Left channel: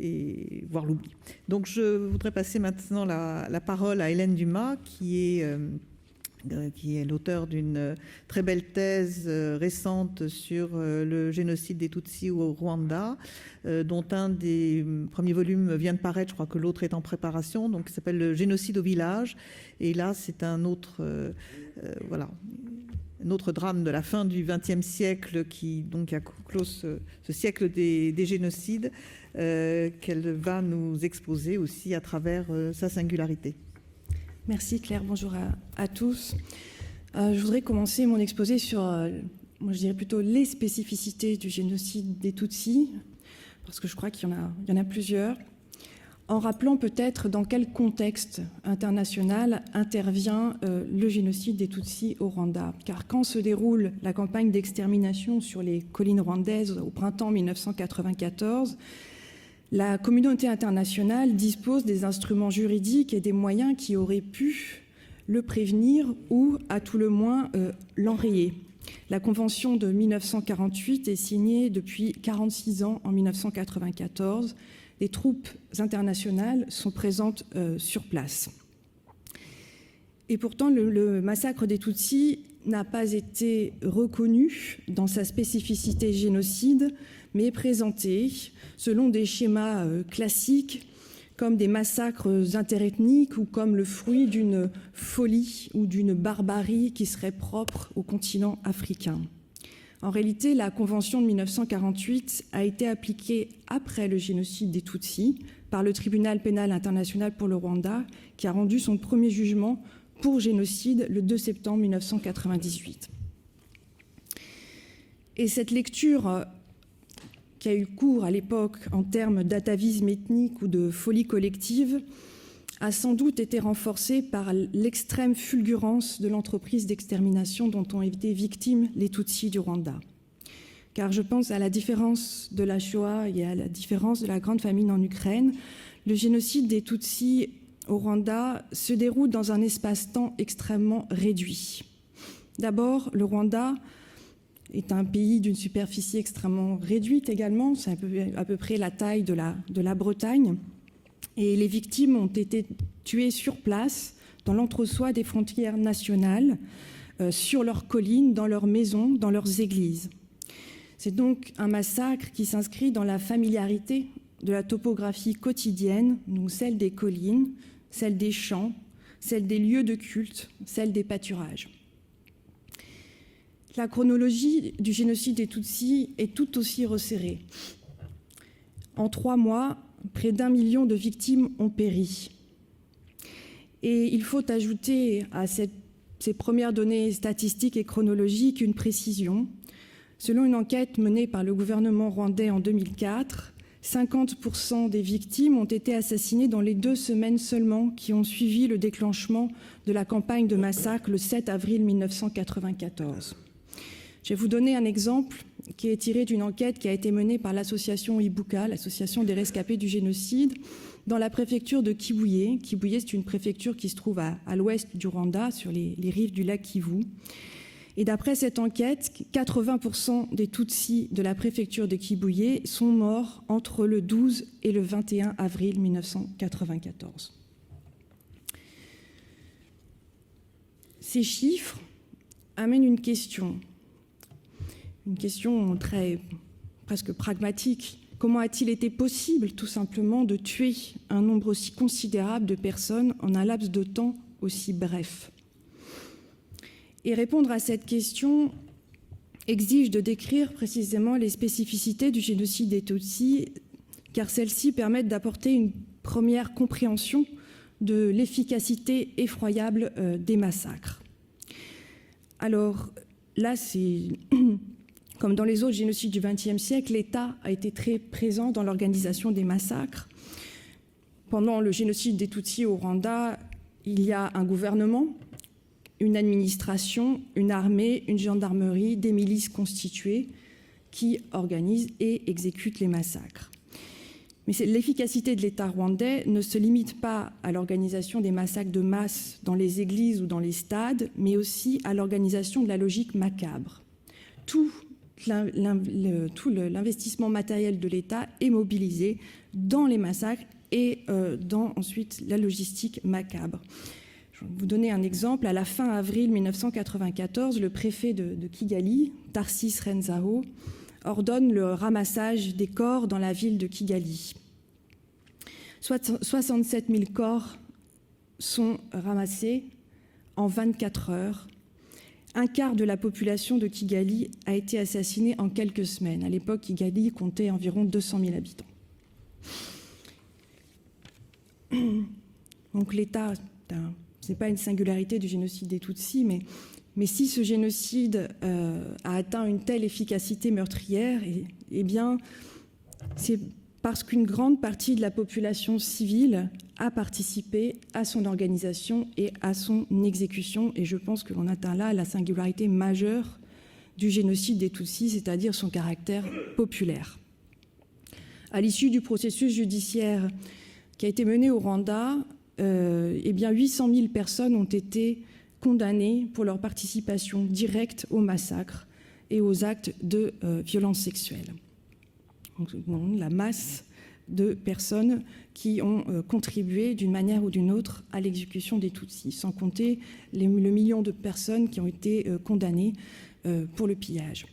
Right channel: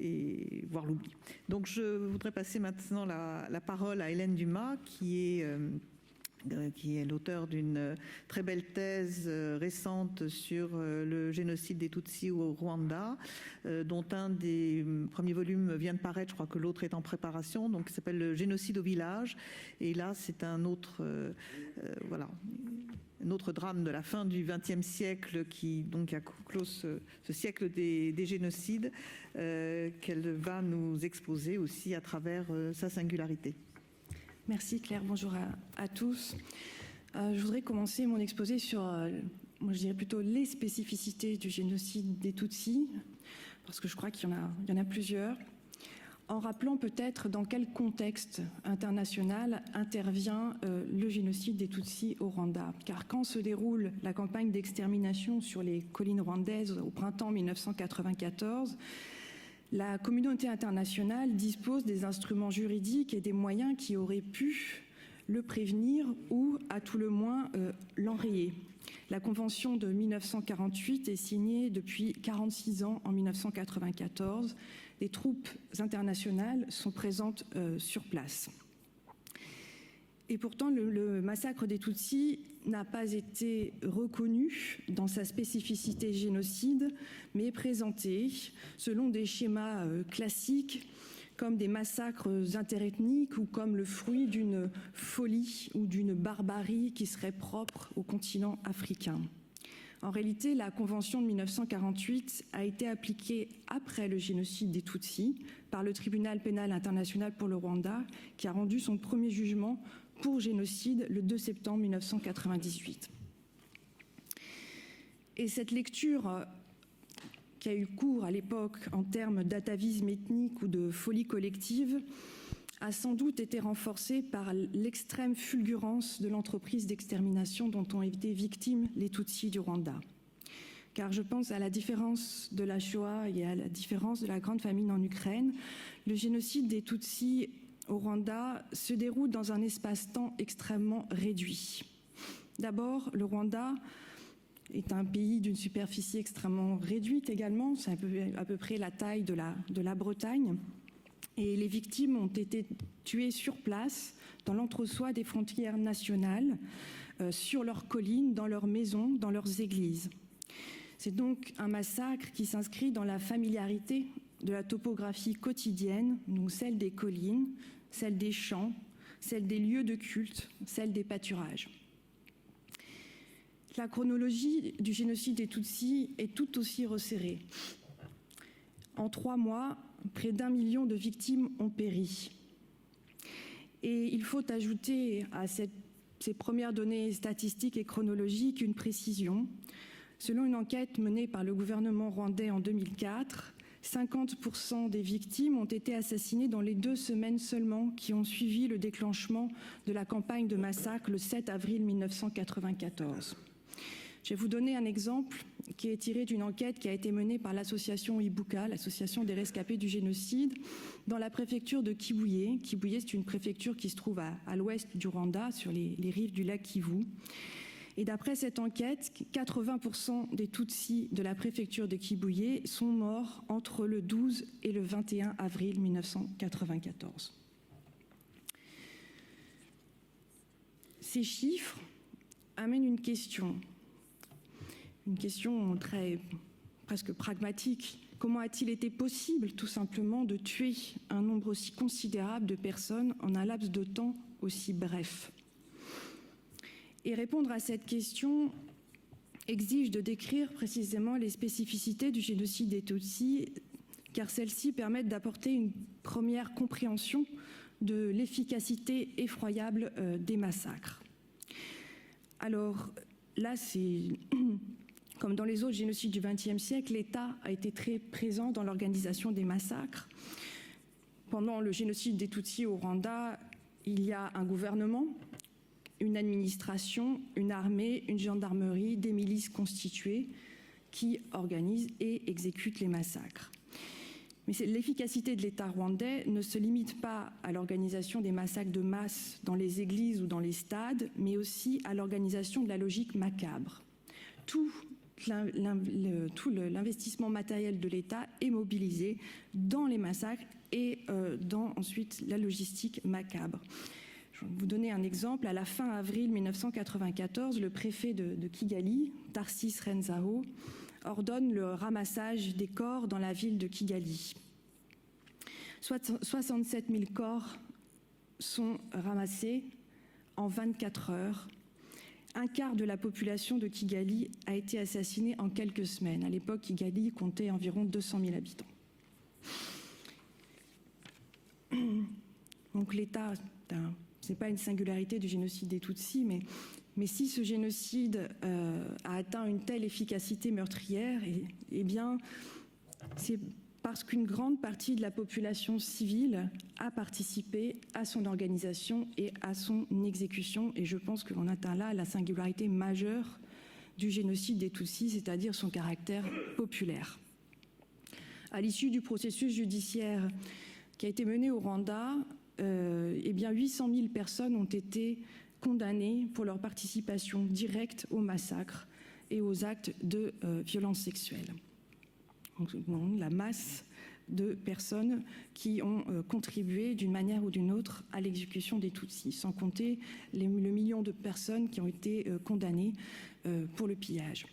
et voire l'oubli. Donc je voudrais passer maintenant la parole à Hélène Dumas, qui est l'auteur d'une très belle thèse récente sur le génocide des Tutsis au Rwanda, dont un des premiers volumes vient de paraître, je crois que l'autre est en préparation, donc ça s'appelle Le génocide au village. Et là, c'est un autre, un autre drame de la fin du XXe siècle qui donc a clos ce siècle des génocides qu'elle va nous exposer aussi à travers sa singularité. Merci Claire, bonjour à tous. Je voudrais commencer mon exposé sur, moi je dirais plutôt les spécificités du génocide des Tutsis, parce que je crois qu'il y en a plusieurs, en rappelant peut-être dans quel contexte international intervient le génocide des Tutsis au Rwanda. Car quand se déroule la campagne d'extermination sur les collines rwandaises au printemps 1994, la communauté internationale dispose des instruments juridiques et des moyens qui auraient pu le prévenir ou, à tout le moins, l'enrayer. La Convention de 1948 est signée depuis 46 ans en 1994. Les troupes internationales sont présentes sur place. Et pourtant, le massacre des Tutsis n'a pas été reconnu dans sa spécificité génocide, mais présenté selon des schémas classiques comme des massacres interethniques ou comme le fruit d'une folie ou d'une barbarie qui serait propre au continent africain. En réalité, la Convention de 1948 a été appliquée après le génocide des Tutsis par le Tribunal pénal international pour le Rwanda, qui a rendu son premier jugement pour génocide le 2 septembre 1998. Et cette lecture qui a eu cours à l'époque en termes d'atavisme ethnique ou de folie collective a sans doute été renforcée par l'extrême fulgurance de l'entreprise d'extermination dont ont été victimes les Tutsis du Rwanda. Car je pense à la différence de la Shoah et à la différence de la Grande Famine en Ukraine, le génocide des Tutsis au Rwanda se déroule dans un espace-temps extrêmement réduit. D'abord, le Rwanda est un pays d'une superficie extrêmement réduite également, c'est à peu près la taille de la Bretagne, et les victimes ont été tuées sur place, dans l'entre-soi des frontières nationales, sur leurs collines, dans leurs maisons, dans leurs églises. C'est donc un massacre qui s'inscrit dans la familiarité de la topographie quotidienne, donc celle des collines, celle des champs, celle des lieux de culte, celle des pâturages. La chronologie du génocide des Tutsis est tout aussi resserrée. En 3 mois, près d'1 million de victimes ont péri. Et il faut ajouter à ces premières données statistiques et chronologiques une précision. Selon une enquête menée par le gouvernement rwandais en 2004, 50% des victimes ont été assassinées dans les 2 semaines seulement qui ont suivi le déclenchement de la campagne de massacre le 7 avril 1994. Je vais vous donner un exemple qui est tiré d'une enquête qui a été menée par l'association Ibuka, l'association des rescapés du génocide, dans la préfecture de Kibuye. Kibuye, c'est une préfecture qui se trouve à l'ouest du Rwanda, sur les rives du lac Kivu. Et d'après cette enquête, 80% des Tutsis de la préfecture de Kibuye sont morts entre le 12 et le 21 avril 1994. Ces chiffres amènent une question presque pragmatique. Comment a-t-il été possible, tout simplement, de tuer un nombre aussi considérable de personnes en un laps de temps aussi bref ? Et répondre à cette question exige de décrire précisément les spécificités du génocide des Tutsis, car celles-ci permettent d'apporter une première compréhension de l'efficacité effroyable des massacres. Alors là, c'est comme dans les autres génocides du XXe siècle, l'État a été très présent dans l'organisation des massacres. Pendant le génocide des Tutsis au Rwanda, il y a un gouvernement, une administration, une armée, une gendarmerie, des milices constituées qui organisent et exécutent les massacres. Mais l'efficacité de l'État rwandais ne se limite pas à l'organisation des massacres de masse dans les églises ou dans les stades, mais aussi à l'organisation de la logique macabre. Tout tout l'investissement matériel de l'État est mobilisé dans les massacres et dans ensuite la logistique macabre. Je vais vous donner un exemple. À la fin avril 1994, le préfet de Kigali, Tarsis Renzao, ordonne le ramassage des corps dans la ville de Kigali. 67 000 corps sont ramassés en 24 heures. Un quart de la population de Kigali a été assassinée en quelques semaines. À l'époque, Kigali comptait environ 200 000 habitants. Donc l'État, ce n'est pas une singularité du génocide des Tutsis, mais si ce génocide a atteint une telle efficacité meurtrière, eh bien, c'est parce qu'une grande partie de la population civile a participé à son organisation et à son exécution. Et je pense que l'on atteint là la singularité majeure du génocide des Tutsis, c'est-à-dire son caractère populaire. À l'issue du processus judiciaire qui a été mené au Rwanda, eh bien 800 000 personnes ont été condamnées pour leur participation directe au massacre et aux actes de violence sexuelle. Donc, la masse de personnes qui ont contribué d'une manière ou d'une autre à l'exécution des Tutsis, sans compter le million de personnes qui ont été condamnées pour le pillage.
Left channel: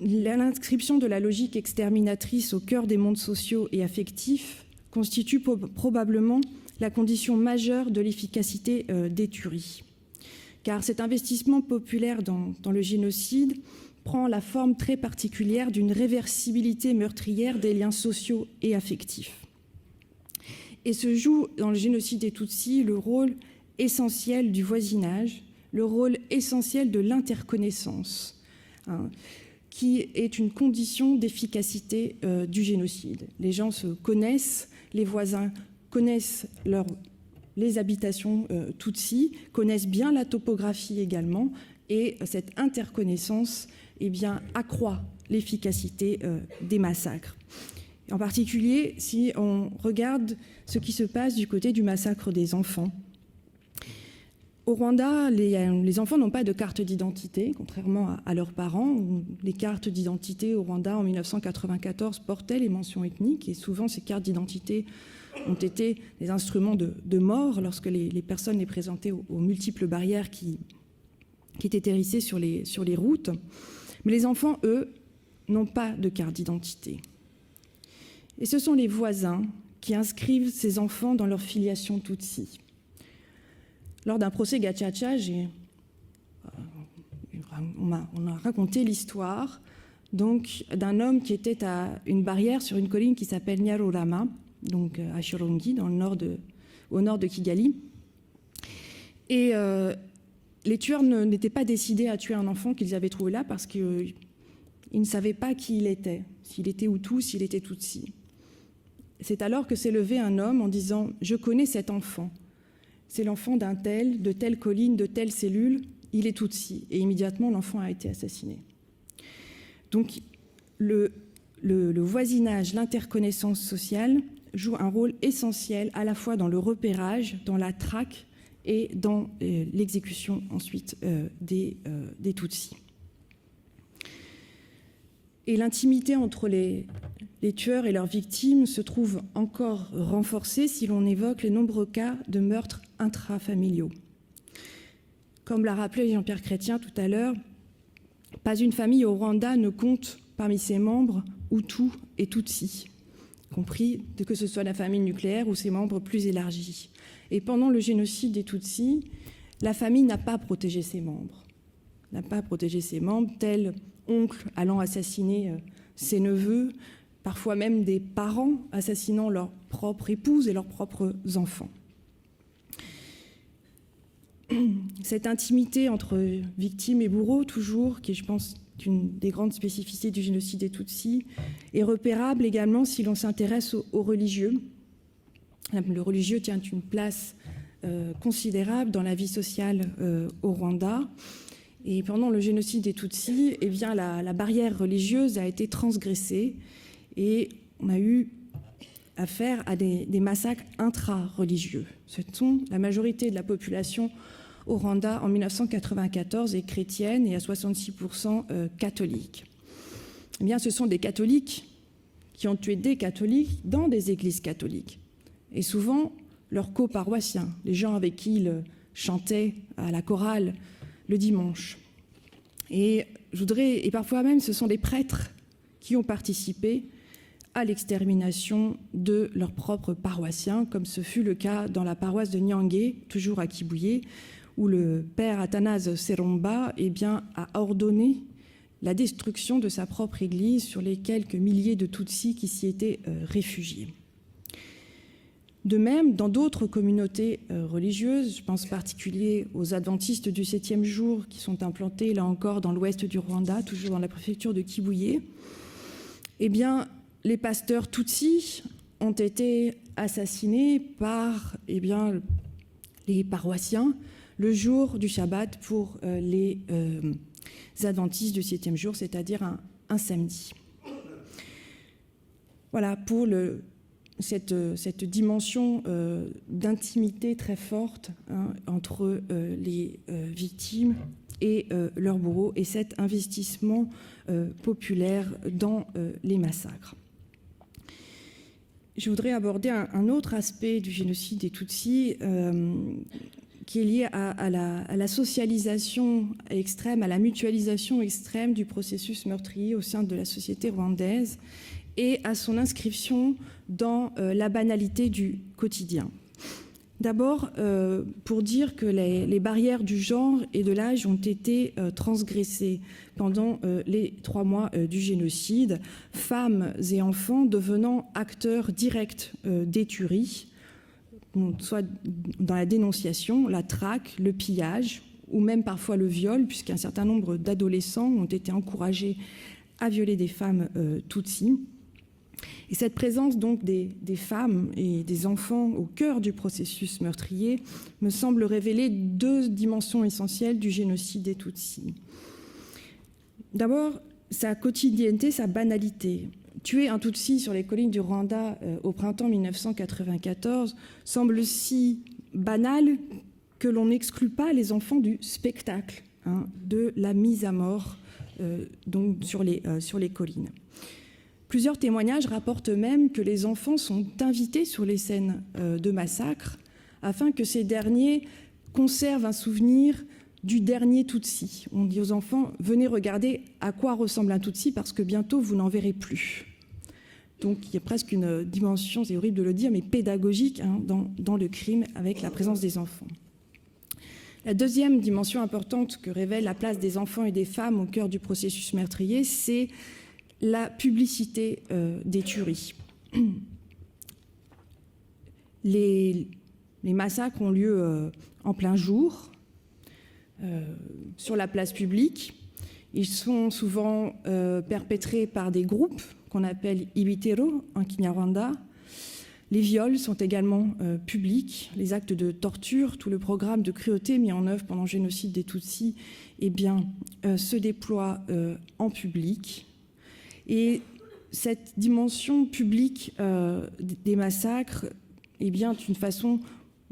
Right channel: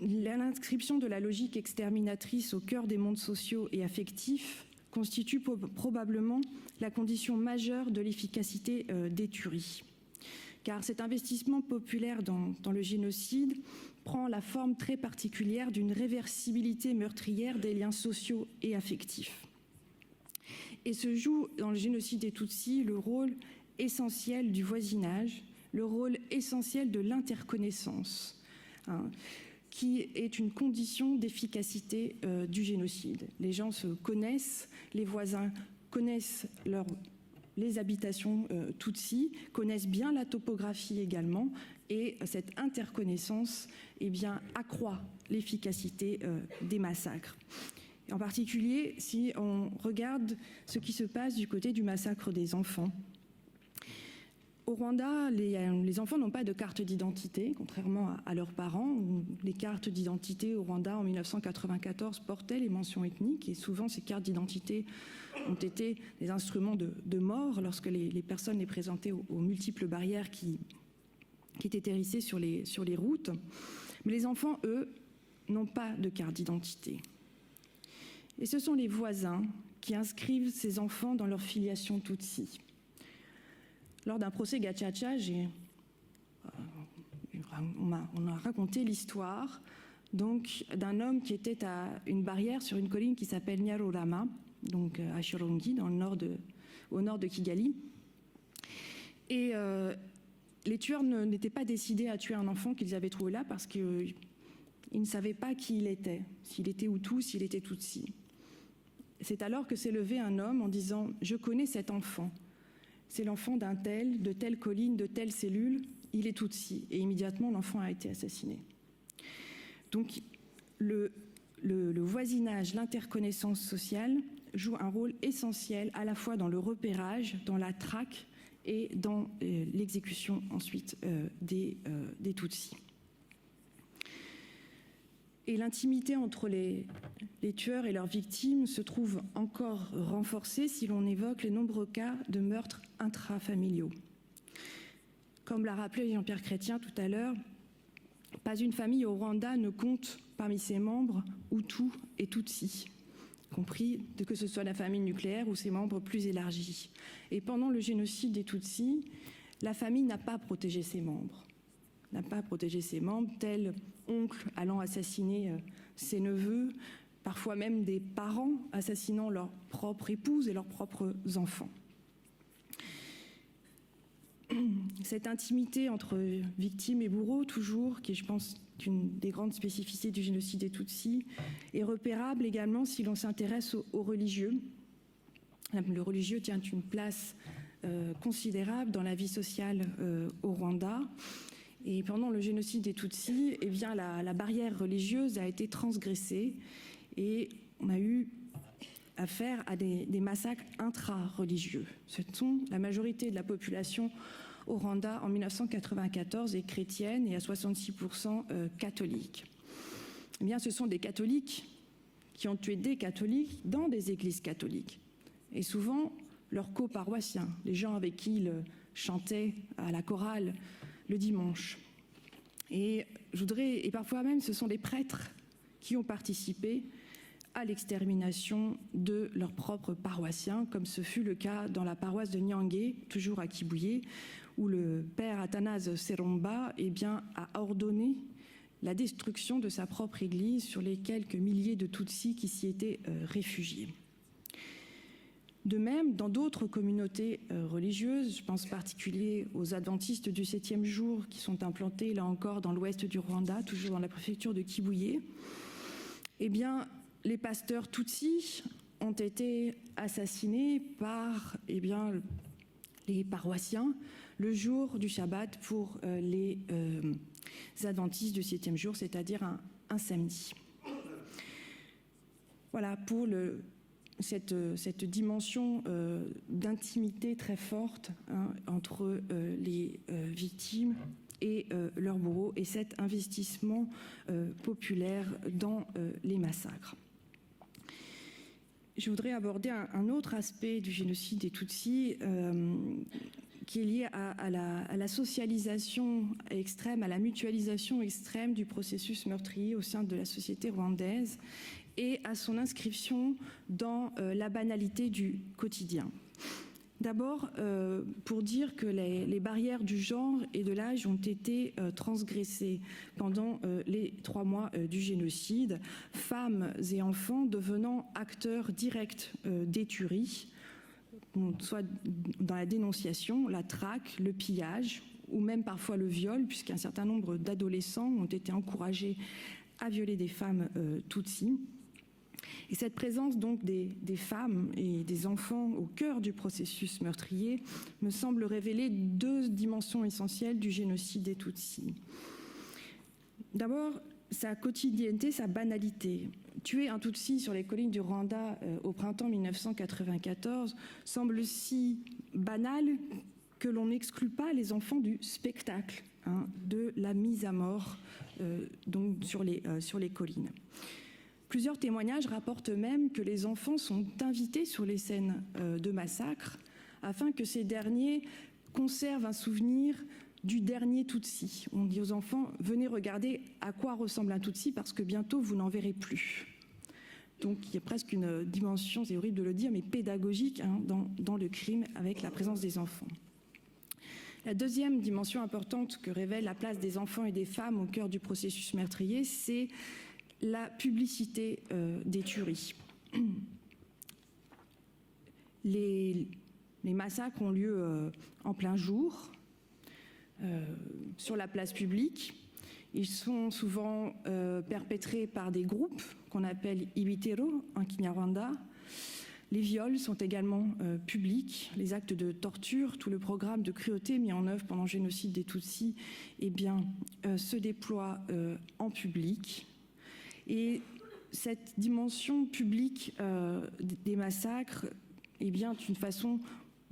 L'inscription de la logique exterminatrice au cœur des mondes sociaux et affectifs constitue probablement la condition majeure de l'efficacité des tueries. Car cet investissement populaire dans le génocide prend la forme très particulière d'une réversibilité meurtrière des liens sociaux et affectifs. Et se joue dans le génocide des Tutsis le rôle essentiel du voisinage, le rôle essentiel de l'interconnaissance, qui est une condition d'efficacité du génocide. Les gens se connaissent, les voisins connaissent les habitations Tutsis, connaissent bien la topographie également, et cette interconnaissance accroît l'efficacité des massacres. En particulier, si on regarde ce qui se passe du côté du massacre des enfants. Au Rwanda, les enfants n'ont pas de carte d'identité, contrairement à leurs parents. Les cartes d'identité au Rwanda en 1994 portaient les mentions ethniques, et souvent ces cartes d'identité ont été des instruments de mort lorsque les personnes les présentaient aux multiples barrières qui étaient hérissées sur les routes. Mais les enfants, eux, n'ont pas de carte d'identité. Et ce sont les voisins qui inscrivent ces enfants dans leur filiation Tutsi. Lors d'un procès Gacaca, on a raconté l'histoire d'un homme qui était à une barrière sur une colline qui s'appelle Nyarurama, donc à Shyorongi, au nord de Kigali. Et les tueurs n'étaient pas décidés à tuer un enfant qu'ils avaient trouvé là parce qu'ils ne savaient pas qui il était, s'il était Hutu, s'il était Tutsi. C'est alors que s'est levé un homme en disant « Je connais cet enfant. C'est l'enfant d'un tel, de telle colline, de telle cellule, il est Tutsi. » Et immédiatement, l'enfant a été assassiné. Donc, le voisinage, l'interconnaissance sociale joue un rôle essentiel à la fois dans le repérage, dans la traque et dans l'exécution ensuite des Tutsis. Et l'intimité entre les tueurs et leurs victimes se trouve encore renforcée si l'on évoque les nombreux cas de meurtres intrafamiliaux. Comme l'a rappelé Jean-Pierre Chrétien tout à l'heure, pas une famille au Rwanda ne compte parmi ses membres Hutus et Tutsis, compris que ce soit la famille nucléaire ou ses membres plus élargis. Et pendant le génocide des Tutsis, la famille n'a pas protégé ses membres. Tel oncle allant assassiner ses neveux, parfois même des parents assassinant leur propre épouse et leurs propres enfants. Cette intimité entre victimes et bourreaux, toujours, qui je pense est une des grandes spécificités du génocide des Tutsis, est repérable également si l'on s'intéresse aux religieux. Le religieux tient une place considérable dans la vie sociale au Rwanda. Et pendant le génocide des Tutsis, eh bien, la barrière religieuse a été transgressée et on a eu affaire à des massacres intra-religieux. Ce sont la majorité de la population au Rwanda en 1994 est chrétienne et à 66% catholique. Eh bien, ce sont des catholiques qui ont tué des catholiques dans des églises catholiques. Et souvent, leurs coparoissiens, les gens avec qui ils chantaient à la chorale le dimanche. Et parfois même, ce sont des prêtres qui ont participé à l'extermination de leurs propres paroissiens, comme ce fut le cas dans la paroisse de Nyangé, toujours à Kibuye, où le père Athanase Seromba a ordonné la destruction de sa propre église sur les quelques milliers de Tutsis qui s'y étaient réfugiés. De même, dans d'autres communautés religieuses, je pense en particulier aux adventistes du 7e jour qui sont implantés là encore dans l'ouest du Rwanda, toujours dans la préfecture de Kibuye, eh bien, les pasteurs Tutsis ont été assassinés par les paroissiens le jour du Shabbat pour les adventistes du 7e jour, c'est-à-dire un samedi. Voilà pour cette dimension d'intimité très forte entre les victimes et leurs bourreaux et cet investissement populaire dans les massacres. Je voudrais aborder un autre aspect du génocide des Tutsis qui est lié à la socialisation extrême, à la mutualisation extrême du processus meurtrier au sein de la société rwandaise et à son inscription dans la banalité du quotidien. D'abord, pour dire que les barrières du genre et de l'âge ont été transgressées pendant les 3 mois du génocide, femmes et enfants devenant acteurs directs des tueries, soit dans la dénonciation, la traque, le pillage, ou même parfois le viol, puisqu'un certain nombre d'adolescents ont été encouragés à violer des femmes Tutsis. Et cette présence donc des femmes et des enfants au cœur du processus meurtrier me semble révéler 2 dimensions essentielles du génocide des Tutsis. D'abord, sa quotidienneté, sa banalité. Tuer un Tutsi sur les collines du Rwanda au printemps 1994 semble si banal que l'on n'exclut pas les enfants du spectacle de la mise à mort donc sur les collines. Plusieurs témoignages rapportent même que les enfants sont invités sur les scènes de massacre afin que ces derniers conservent un souvenir du dernier Tutsi. On dit aux enfants, venez regarder à quoi ressemble un Tutsi parce que bientôt vous n'en verrez plus. Donc il y a presque une dimension, c'est horrible de le dire, mais pédagogique dans le crime avec la présence des enfants. La deuxième dimension importante que révèle la place des enfants et des femmes au cœur du processus meurtrier, c'est la publicité des tueries. Les massacres ont lieu en plein jour, sur la place publique. Ils sont souvent perpétrés par des groupes qu'on appelle ibitero en Kinyarwanda. Les viols sont également publics. Les actes de torture, tout le programme de cruauté mis en œuvre pendant le génocide des Tutsis, se déploie en public. Et cette dimension publique des massacres est une façon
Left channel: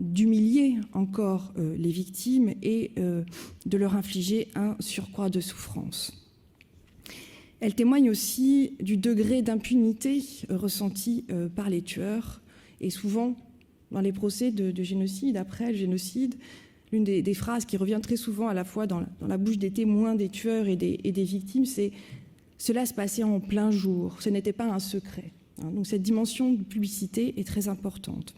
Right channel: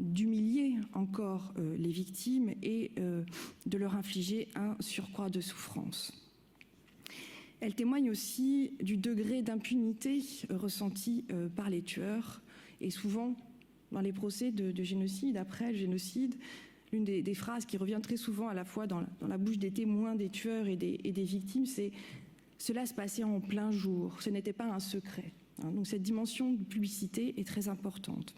d'humilier encore les victimes et de leur infliger un surcroît de souffrance. Elle témoigne aussi du degré d'impunité ressenti par les tueurs. Et souvent, dans les procès de génocide, après le génocide, l'une des phrases qui revient très souvent à la fois dans la bouche des témoins, des tueurs et des victimes, c'est « cela se passait en plein jour, ce n'était pas un secret ». Donc cette dimension de publicité est très importante.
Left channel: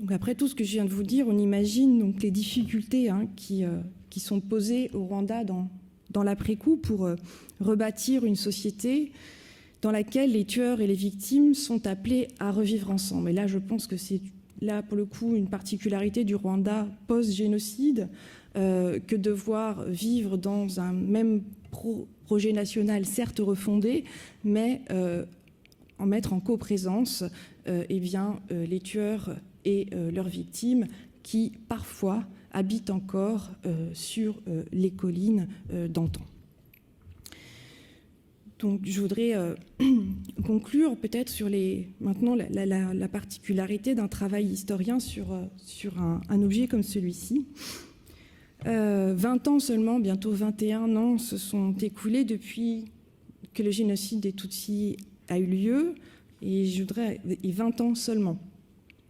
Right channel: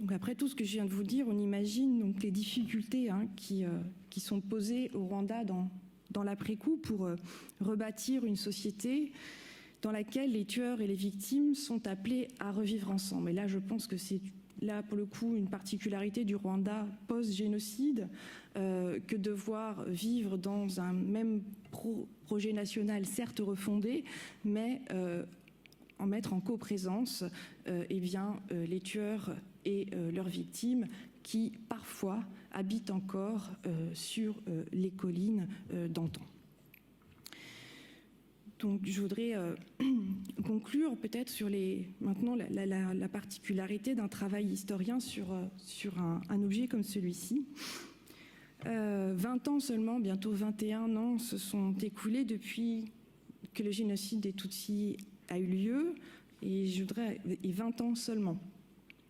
Donc après tout ce que je viens de vous dire, on imagine donc les difficultés qui sont posées au Rwanda dans l'après-coup pour rebâtir une société dans laquelle les tueurs et les victimes sont appelés à revivre ensemble. Et là, je pense que c'est là, pour le coup, une particularité du Rwanda post-génocide, que de voir vivre dans un même projet national, certes refondé, mais en mettre en coprésence les tueurs et leurs victimes qui, parfois, habitent encore sur les collines d'antan. Donc je voudrais conclure peut-être sur maintenant la particularité d'un travail historien sur un objet comme celui-ci. 20 ans seulement, bientôt 21 ans, se sont écoulés depuis que le génocide des Tutsis a eu lieu, et 20 ans seulement.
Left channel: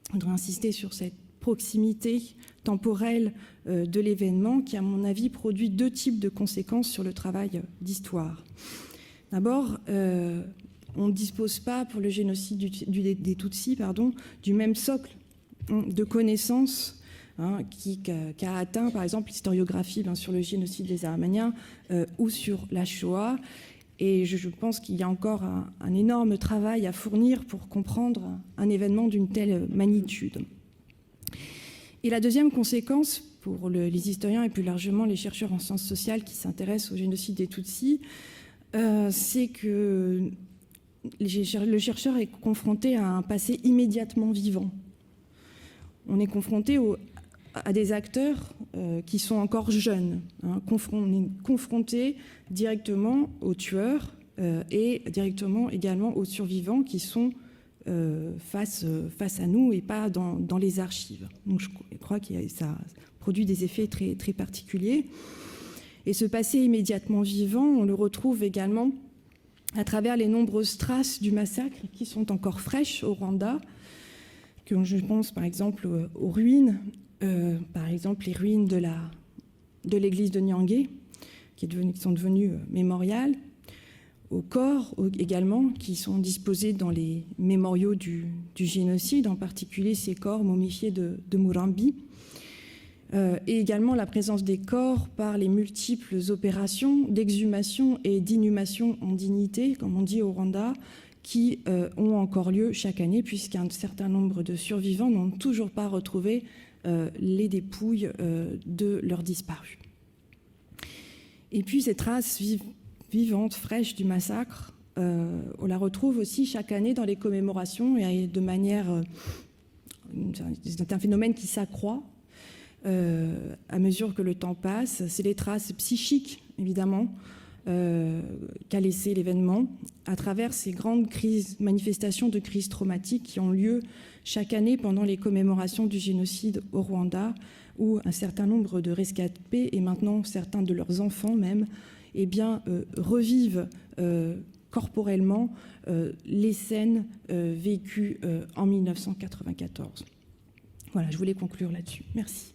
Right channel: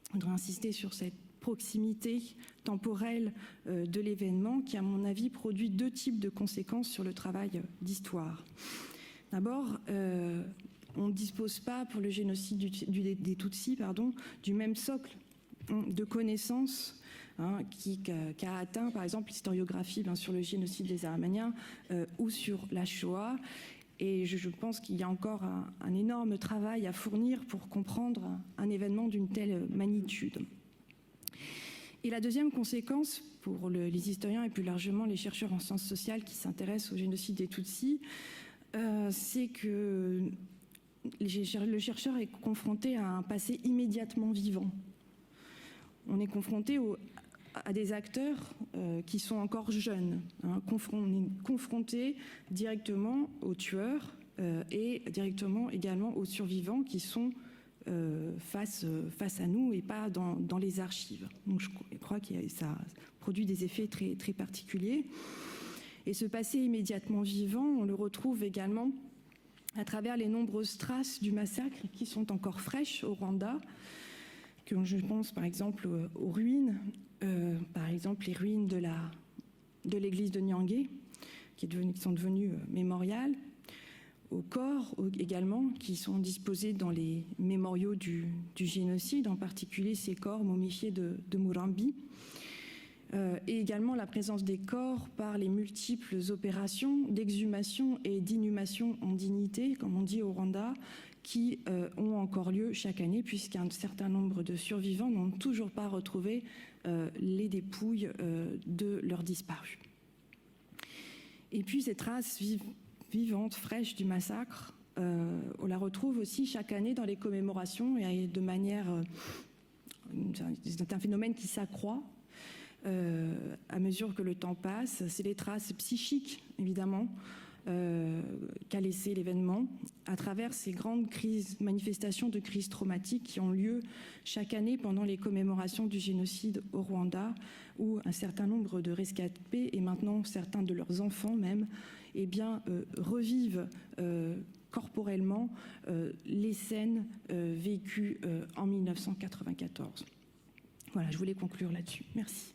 Je voudrais insister sur cette proximité temporelle de l'événement qui, à mon avis, produit deux types de conséquences sur le travail d'histoire. D'abord, on ne dispose pas pour le génocide des Tutsis du même socle de connaissances qu'a atteint par exemple l'historiographie sur le génocide des Arméniens ou sur la Shoah. Et je pense qu'il y a encore un énorme travail à fournir pour comprendre un événement d'une telle magnitude. Et la deuxième conséquence pour les historiens et plus largement les chercheurs en sciences sociales qui s'intéressent au génocide des Tutsis, c'est que le chercheur est confronté à un passé immédiatement vivant. On est confronté à des acteurs qui sont encore jeunes. On est confronté directement aux tueurs et directement également aux survivants qui sont face à nous et pas dans les archives. Donc je crois que ça produit des effets très, très particuliers. Et ce passé immédiatement vivant, on le retrouve également à travers les nombreuses traces du massacre qui sont encore fraîches au Rwanda, que je pense par exemple aux ruines, par exemple les ruines de l'église de Nyangé, qui sont devenues mémorial, aux corps également, qui sont disposés dans les mémoriaux du génocide, en particulier ces corps momifiés de Murambi, et également la présence des corps par les multiples opérations d'exhumation et d'inhumation en dignité, comme on dit au Rwanda, qui ont encore lieu chaque année, puisqu'un certain nombre de survivants n'ont toujours pas retrouvé les dépouilles de leurs disparus. Et puis ces traces vivantes, fraîches du massacre, on la retrouve aussi chaque année dans les commémorations et de manière... c'est un phénomène qui s'accroît à mesure que le temps passe. C'est les traces psychiques, évidemment, qu'a laissé l'événement à travers ces grandes manifestations de crises traumatiques qui ont lieu chaque année pendant les commémorations du génocide au Rwanda, où un certain nombre de rescapés, et maintenant certains de leurs enfants même, revivent corporellement les scènes vécues en 1994. Voilà, je voulais conclure là-dessus. Merci.